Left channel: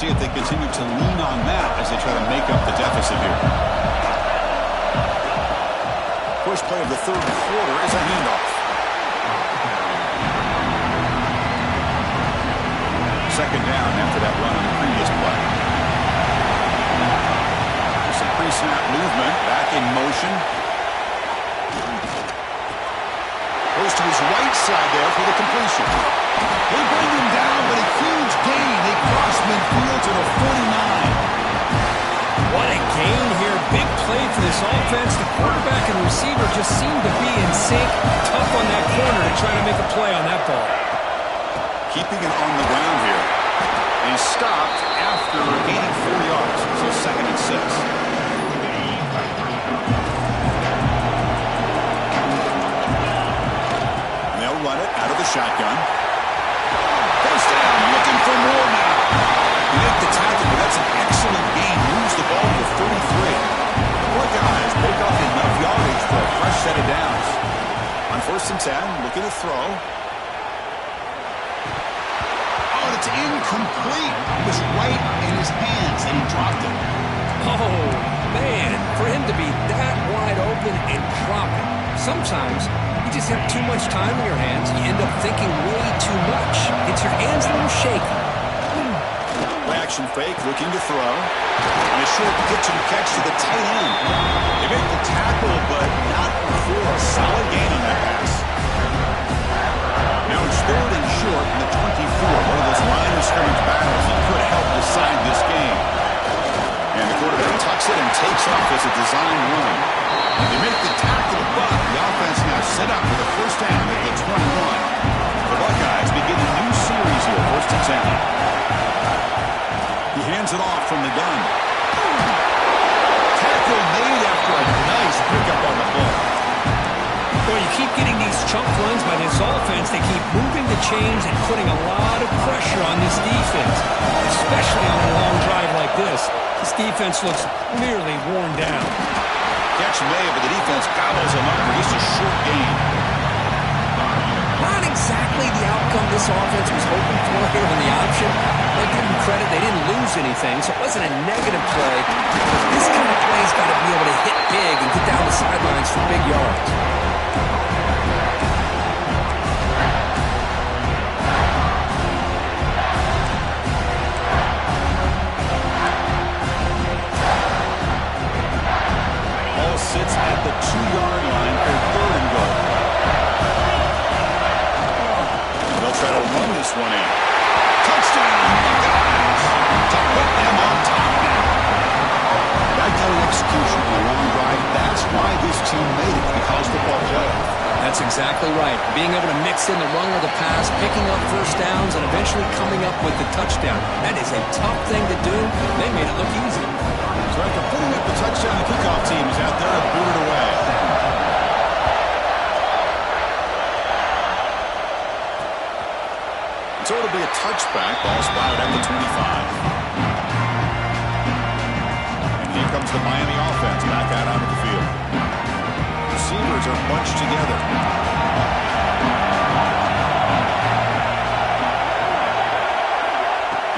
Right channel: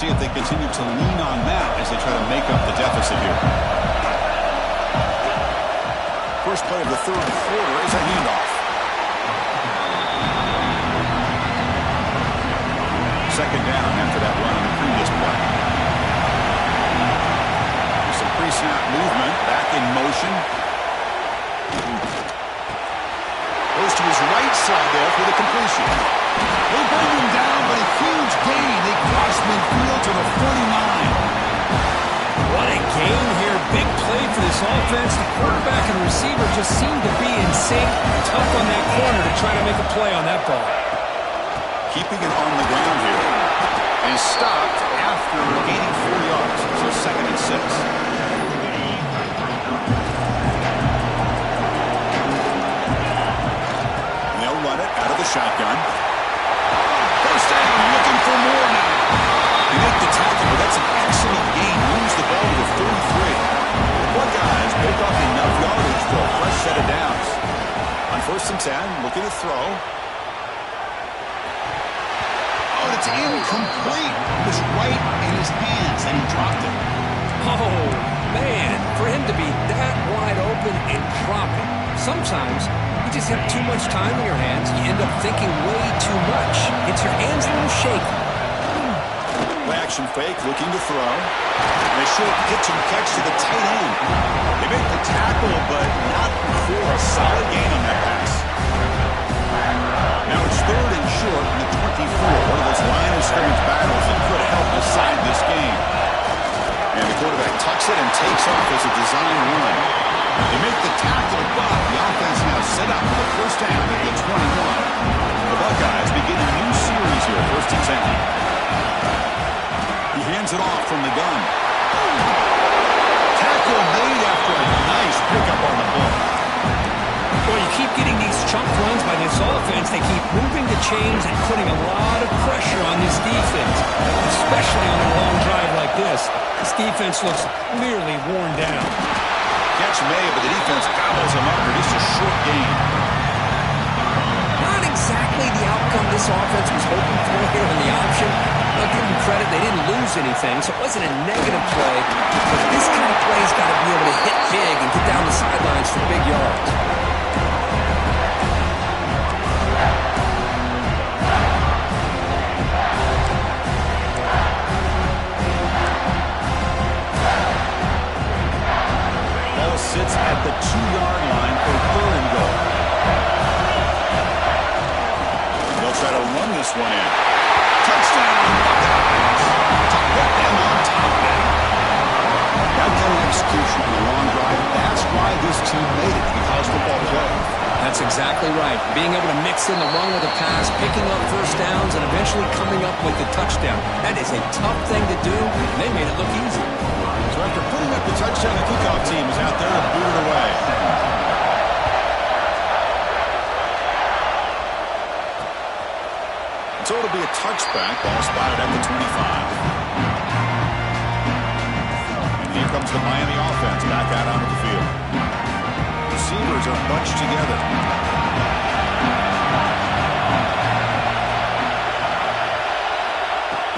See if they continue to lean on that as they try to make up the deficit here. First play of the third quarter is a handoff. Second down after that run on the previous play. There's some pre-snap movement, back in motion. Goes to his right side there for the completion. They bring him down, but a huge gain. They cross midfield to the 49. What a gain here. Big play for this offense. The quarterback and receiver just seem to be in sync. Tough on that corner to try to make a play on that ball. Keeping it on the ground here. And he's stopped after gaining 4 yards. So 2nd and 6. They'll run it out of the shotgun. First down, looking for more now. He made the tackle, but that's an excellent gain. Moves the ball to the 33. The Buckeyes pick up enough yardage for a fresh set of downs. On 1st and 10, looking to throw. Oh, and it's incomplete. It was right in his hands, and he dropped it. Oh, man, for him to be that wide open and drop it. Sometimes you just have too much time in your hands. You end up thinking way too much. Gets your hands a little shaky. Action fake, looking to throw. And a short pitch and catch to the tight end. They make the tackle, but not before a solid gain on that pass. Now it's 3rd and short in the 24. One of those line of scrimmage battles that could help decide this game. And the quarterback tucks it and takes off as a design run. They make the tackle, but the offense now set up for the first down at the 21. The Buckeyes begin a new series here, 1st and 10. He hands it off from the gun. Tackle made after a nice pickup on the ball. Well, you keep getting these chunk runs by this offense. They keep moving the chains and putting a lot of pressure on this defense, especially on a long drive like this. This defense looks clearly worn down. Catch made, but the defense gobbles him up for just a short gain. Not exactly the outcome this offense was hoping for here on the option. I'll give them credit, they didn't lose anything, so it wasn't a negative play. But this kind of play's got to be able to hit big and get down the sidelines for big yards. Ball sits at the 2-yard line for 3rd and goal. They'll try to run this one in. Touchdown, Buckeyes, to put them on top now. That kind of execution in a long drive, that's why this team made it to the college football playoff. That's exactly right. Being able to mix in the run with the pass, picking up first downs, and eventually coming up with the touchdown. That is a tough thing to do. They made it look easy. So after putting up the touchdown, the kickoff team is out there to boot it away. So it'll be a touchback. Ball spotted at the 25. And here comes the Miami offense back out onto the field. Receivers are bunched together.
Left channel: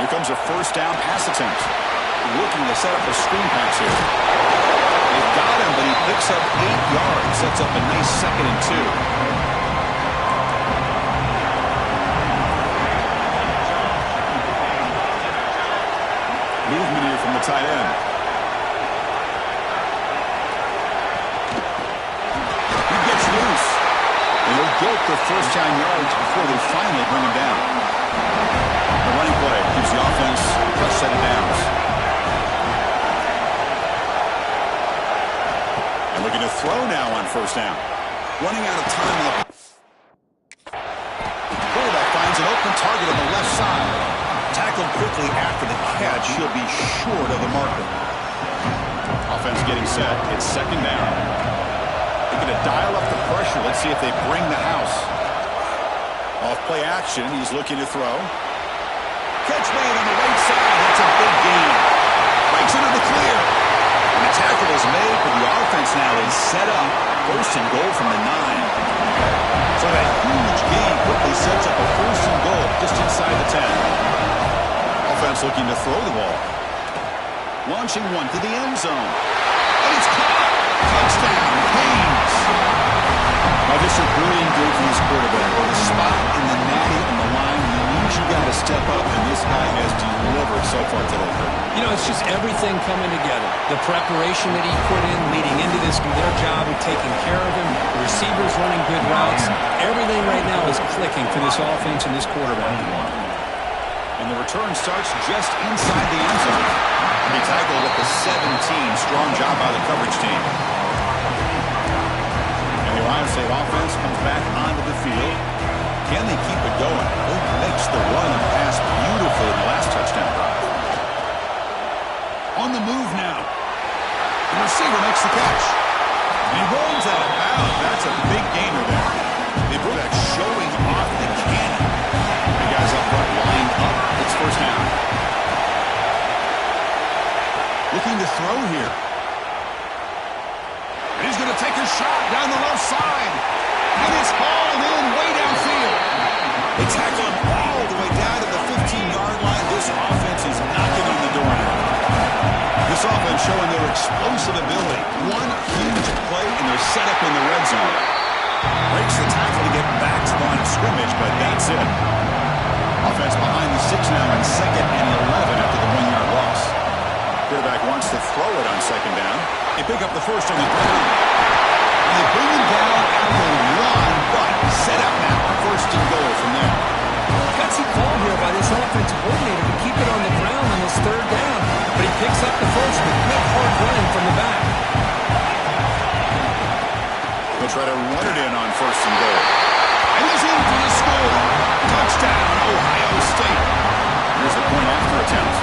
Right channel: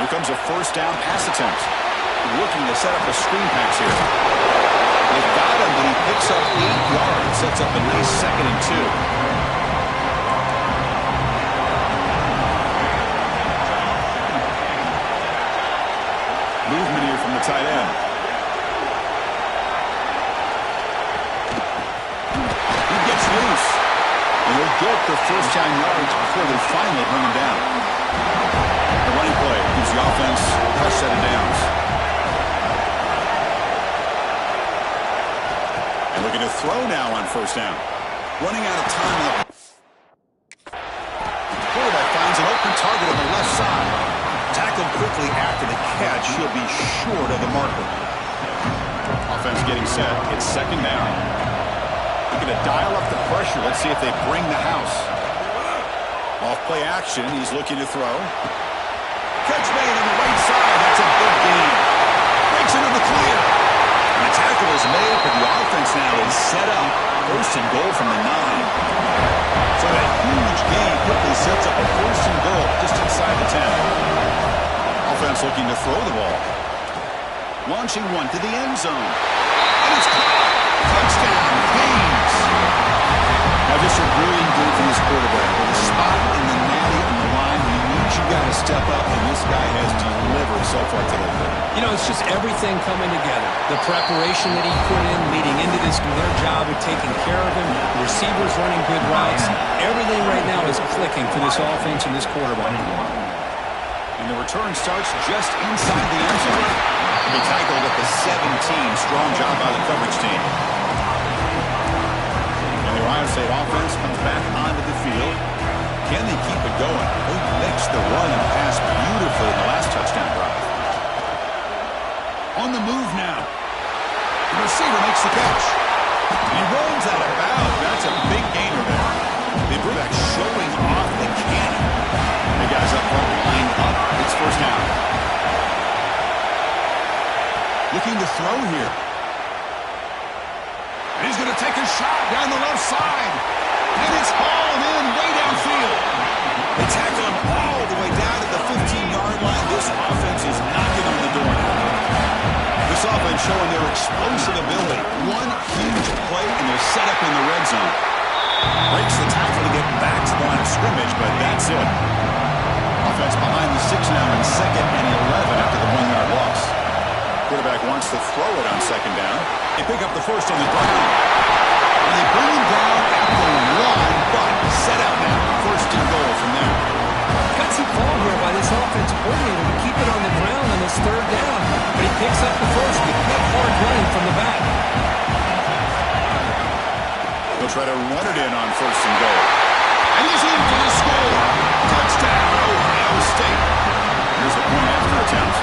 Here comes a first down pass attempt. Looking to set up a screen pass here. They've got him, but he picks up 8 yards. Sets up a nice 2nd and 2. Movement here from the tight end. He gets loose. And he'll get the first down yards before they finally bring him down. The running play gives the offense a fresh set of downs. And looking to throw now on first down. Running out of time. Quarterback finds an open target on the left side. Tackled quickly after the catch. He'll be short of the marker. Offense getting set. It's 2nd down. Looking to dial up the pressure. Let's see if they bring the house. Off play action. He's looking to throw. Catch made on the right side. That's a big gain. Breaks into the clear. And the tackle is made, but the offense now is set up. 1st and goal from the 9. So that huge gain quickly sets up a 1st and goal just inside the 10. Offense looking to throw the ball. Launching one to the end zone. And it's caught. Touchdown, Canes. Now, just a brilliant game from this quarterback. With a spot in the natty on the line, he means you got to step up, and this guy has delivered so far today, Kurt. You know, it's just everything coming together. The preparation that he put in leading into this, their job of taking care of him, the receivers running good routes. Everything right now is clicking for this offense and this quarterback. And the return starts just inside the end zone. He'll be tackled at the 17. Strong job by the coverage team. And the Ohio State offense comes back onto the field. Can they keep it going? They mixed the run and pass beautifully in the last touchdown drive. On the move now. The receiver makes the catch. And he rolls out of bounds. That's a big gainer there. The quarterback showing off the cannon. The guys up front lined up. It's first down. Looking to throw here. And he's going to take a shot down the left side. And it's hauled in way downfield. They tackle him all the way down to the 15-yard line. This offense is knocking on the door now. This offense showing their explosive ability. One huge play, and they're set up in the red zone. Breaks the tackle to get back to the line of scrimmage, but that's it. Offense behind the 6 now in 2nd and 11 after the 1-yard loss. Quarterback wants to throw it on 2nd down. They pick up the first on the ground. And they bring him down at the 1, but set up now. 1st and goal from there. Gutsy call here by this offensive coordinator to keep it on the ground on this 3rd down. But he picks up the first with good hard running from the back. They'll try to run it in on 1st and goal. And he's in for the score. Touchdown, Ohio State. Here's the point after attempt.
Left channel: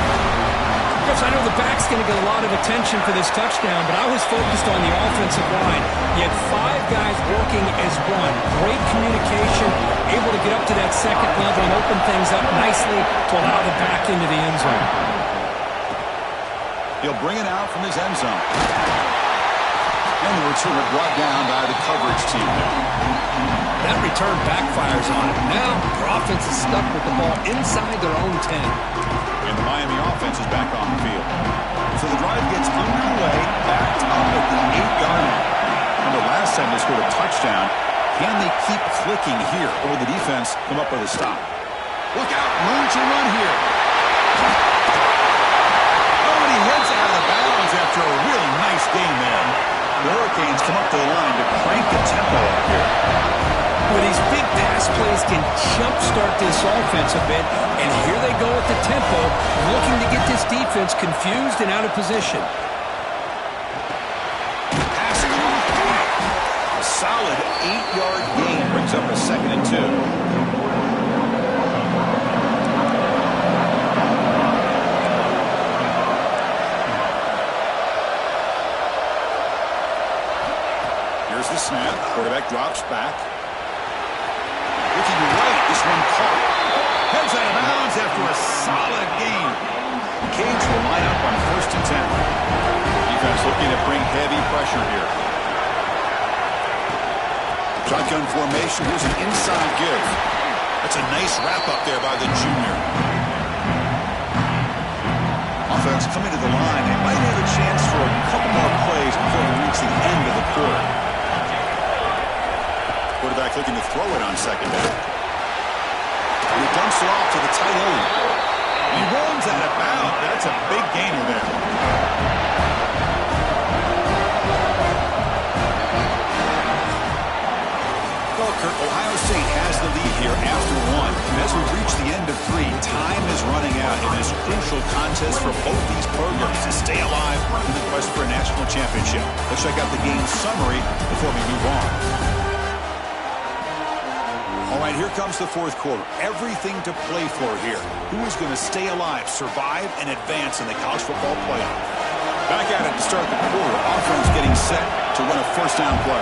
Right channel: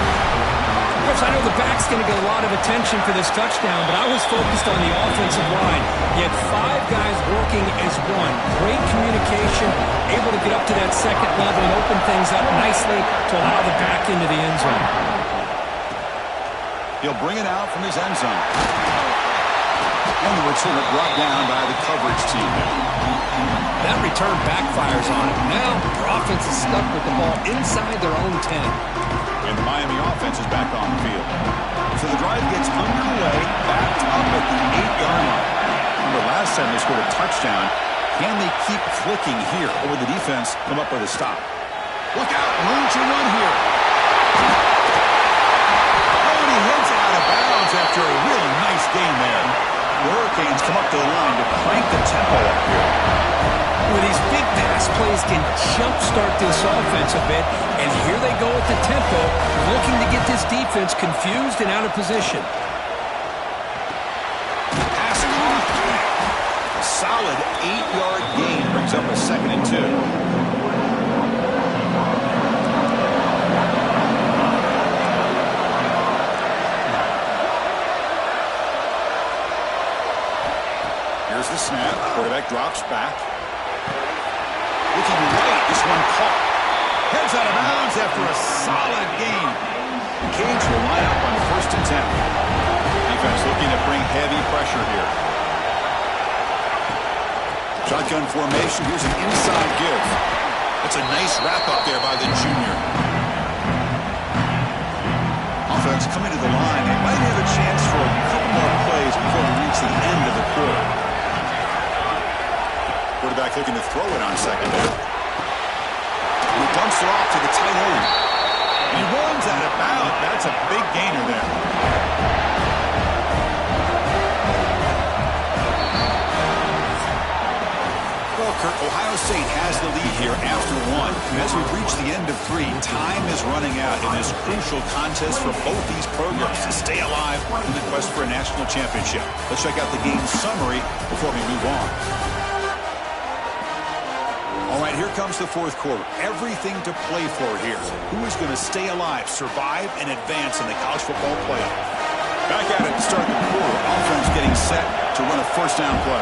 Chris, I know the back's going to get a lot of attention for this touchdown, but I was focused on the offensive line. You had 5 guys working as one. Great communication, able to get up to that 2nd level and open things up nicely to allow the back into the end zone. He'll bring it out from his end zone. And the returner brought down by the coverage team there. That return backfires on it. Now their offense is stuck with the ball inside their own 10. And the Miami offense is back on the field. So the drive gets underway, backed up at the 8-yard line. Remember, last time they scored a touchdown. Can they keep clicking here, or will the defense come up with a stop? Look out, room to run here. Oh, and he heads out of bounds after a really nice game there. The Hurricanes come up to the line to crank the tempo up here. Where these big pass plays can jumpstart this offense a bit, and here they go at the tempo, looking to get this defense confused and out of position. Pass caught. A solid 8-yard gain brings up a 2nd and 2. Here's the snap. Quarterback drops back. Looking right, this one caught. Heads out of bounds after a solid gain. The Canes will line up on 1st and 10. Defense looking to bring heavy pressure here. Shotgun formation. Here's an inside give. That's a nice wrap up there by the junior. Offense coming to the line. They might have a chance for a couple more plays before we reach the end of the quarter. Quarterback looking to throw it on 2nd down. And he dumps it off to the tight end. And he runs out of bounds. That's a big gainer there. Well, Kurt, Ohio State has the lead here after 1. And as we reach the end of 3, time is running out in this crucial contest for both these programs to stay alive in the quest for a national championship. Let's check out the game summary before we move on. All right, here comes the 4th quarter. Everything to play for here. Who is going to stay alive, survive, and advance in the college football playoff? Back at it to start the quarter. Offense getting set to run a 1st down play.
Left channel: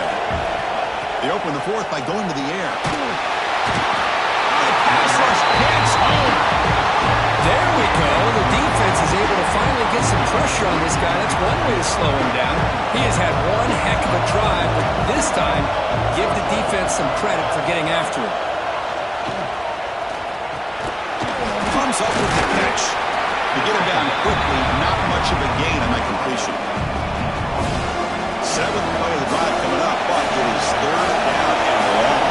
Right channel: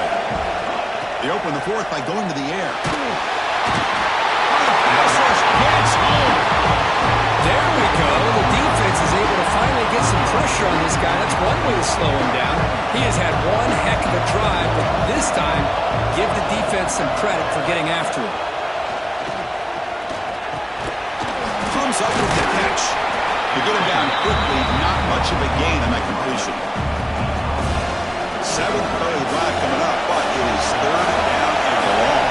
They open the 4th by going to the air. Oh, the pass rush hits home. There we go. The defense is able to finally get some pressure on this guy. That's one way to slow him down. He has had one heck of a drive, but this time, give the defense some credit for getting after him. Comes up with the catch. To get him down quickly, not much of a gain on that completion. Seventh play of the drive coming up, but it is third down and long.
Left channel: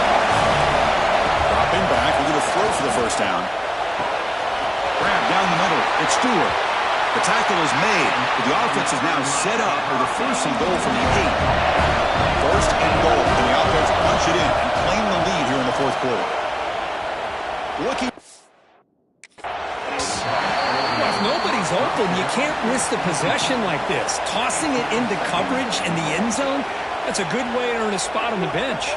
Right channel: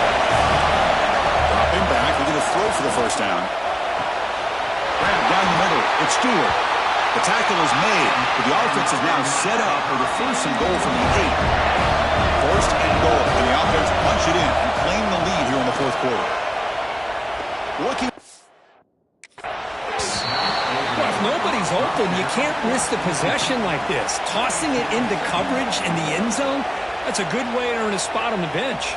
Dropping back, looking to throw for the first down. Grab down the middle. It's Stewart. The tackle is made, but the offense is now set up for the first and goal from the 8. First and goal, and the offense punch it in and claim the lead here in the fourth quarter. Looking. Well, if nobody's open, you can't risk the possession like this. Tossing it into coverage in the end zone, that's a good way to earn a spot on the bench.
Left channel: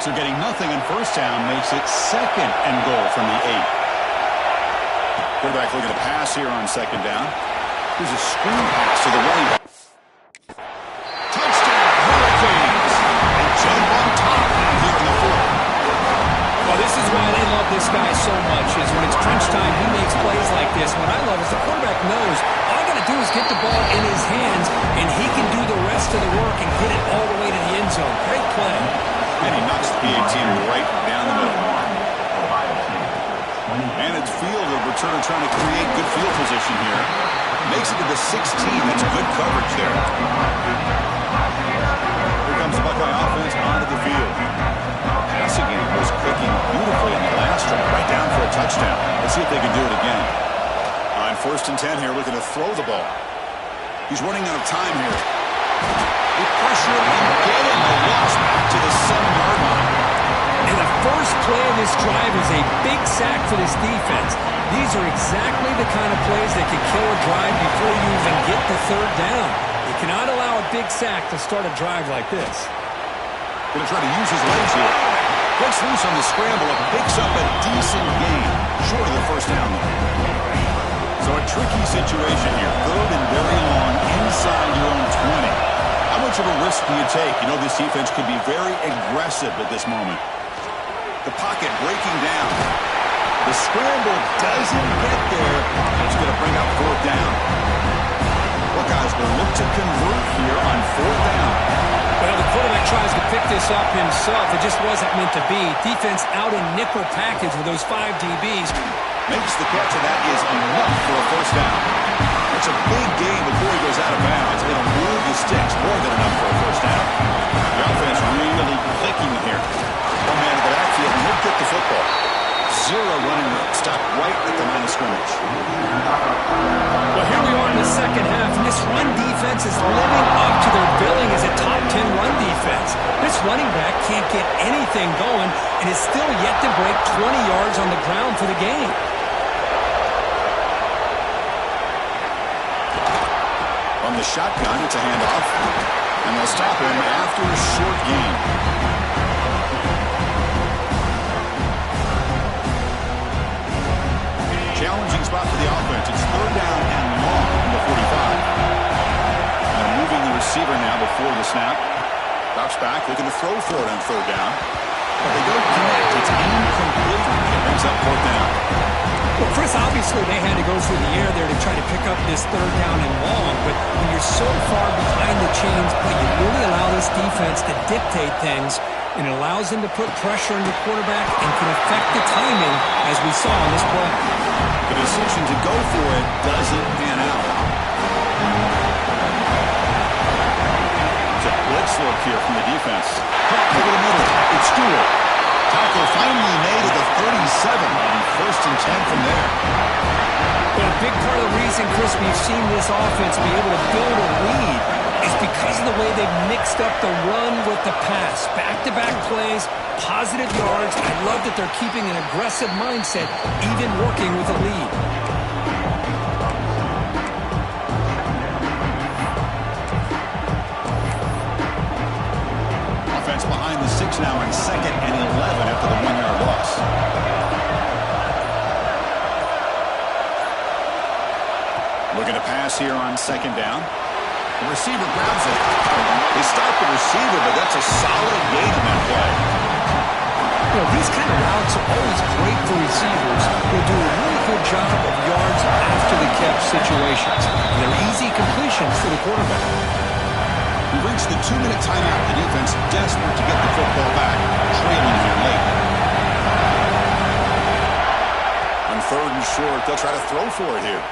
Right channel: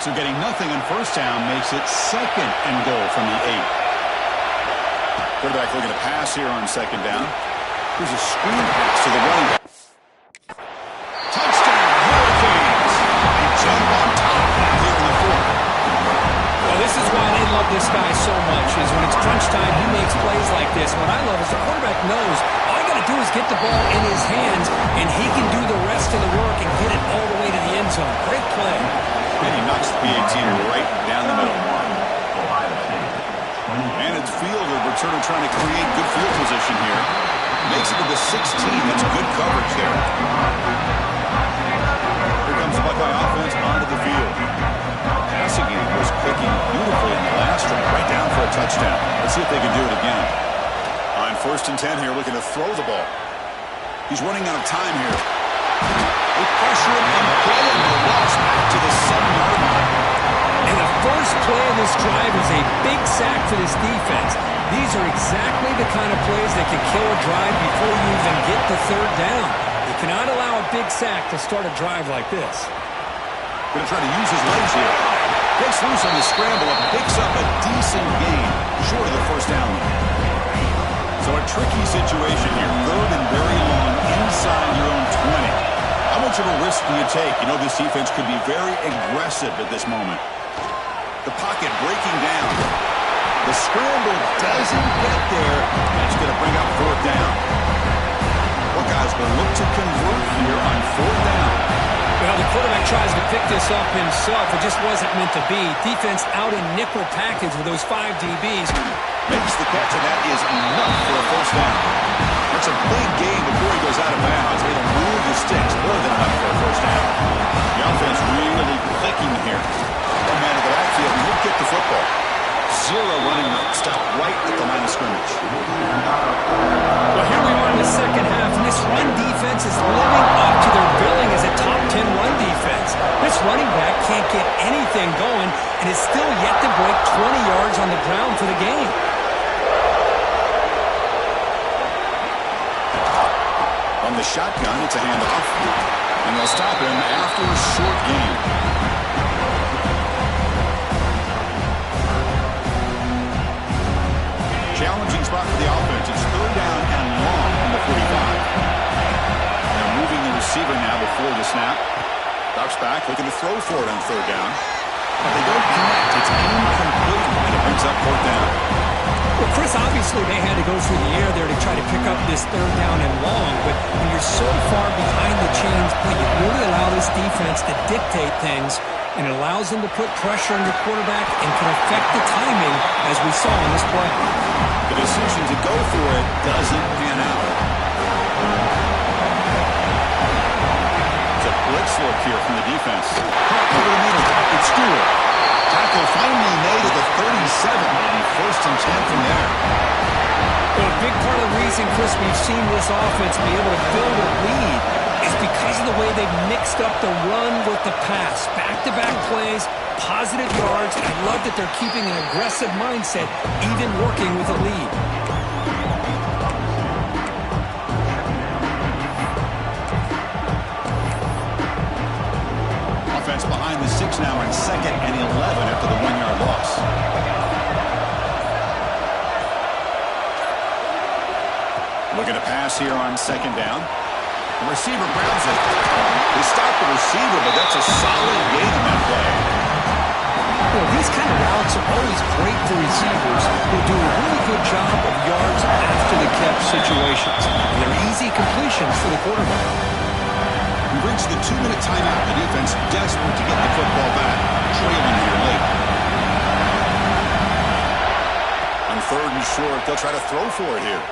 So getting nothing on first down makes it second and goal from the 8. Quarterback looking to pass here on second down. Here's a screen pass to the running back. Touchdown, Hurricanes. They jump on top here in the fourth. Well, this is why they love this guy so much, is when it's crunch time, he makes plays like this. What I love is the quarterback knows all I got to do is get the ball in his hands, and he can do the rest of the work and get it all the way to the end zone. Great play. And he knocks the PAT right down the middle. And it's field of return trying to create good field position here. Makes it to the 16. That's good coverage there. Here comes the Buckeye offense onto the field. Passing game was clicking beautifully in the last drive, right down for a touchdown. Let's see if they can do it again. On first and 10 here, looking to throw the ball. He's running out of time here. They pressure him and get him. A loss back to the 7-yard line. And the first play of this drive is a big sack for this defense. These are exactly the kind of plays that can kill a drive before you even get the third down. You cannot allow a big sack to start a drive like this. Going to try to use his legs here. Gets loose on the scramble and picks up a decent gain. Short of the first down, though. So a tricky situation here. Third and very long inside your own 20. How much of a risk do you take? You know this defense could be very aggressive at this moment. The pocket breaking down. The scramble doesn't get there, and it's going to bring up fourth down. Buckeyes will look to convert here on fourth down. Well, the quarterback tries to pick this up himself. It just wasn't meant to be. Defense out in nickel package with those 5 DBs. Makes the catch, and that is enough for a first down. That's a big gain before he goes out of bounds. It'll move the sticks, more than enough for a first down. The offense really clicking here. One man at the backfield, and he'll get the football. Zero running room. Stop right at the line of scrimmage. Well, here we are in the second half, and this run defense is living up to their billing as a top 10 run defense. This running back can't get anything going, and is still yet to break 20 yards on the ground for the game. On the shotgun, it's a handoff, and they'll stop him after a short gain. Challenging spot for the offense. It's third down and long from the 45. And they're moving the receiver now before the snap. Drops back, looking to throw for it on third down. But they don't connect. It's incomplete, and it brings up fourth down. Well, Chris, obviously they had to go through the air there to try to pick up this third down and long, but when you're so far behind the chains, boy, you really allow this defense to dictate things, and it allows them to put pressure on your quarterback and can affect the timing, as we saw on this play. The decision to go for it doesn't pan out. It's a blitz look here from the defense. Caught over the middle. It's Stewart. Tackle finally made at the 37. And first and 10 from there. Well, a big part of the reason, Chris, we've seen this offense be able to build a lead is because of the way they've mixed up the run with the pass. Back-to-back plays, positive yards. I love that they're keeping an aggressive mindset, even working with a lead. Offense behind the 6 now on second and 11 after the 1-yard loss. Looking to pass here on second down. The receiver grabs it. They stop the receiver, but that's a solid gain on that play. You know, these kind of routes are always great for receivers who do a really good job of yards after the catch situations. And they're easy completions for the quarterback. We reached the 2-minute timeout. The defense desperate to get the football back, trailing here late. On third and short, they'll try to throw for it here.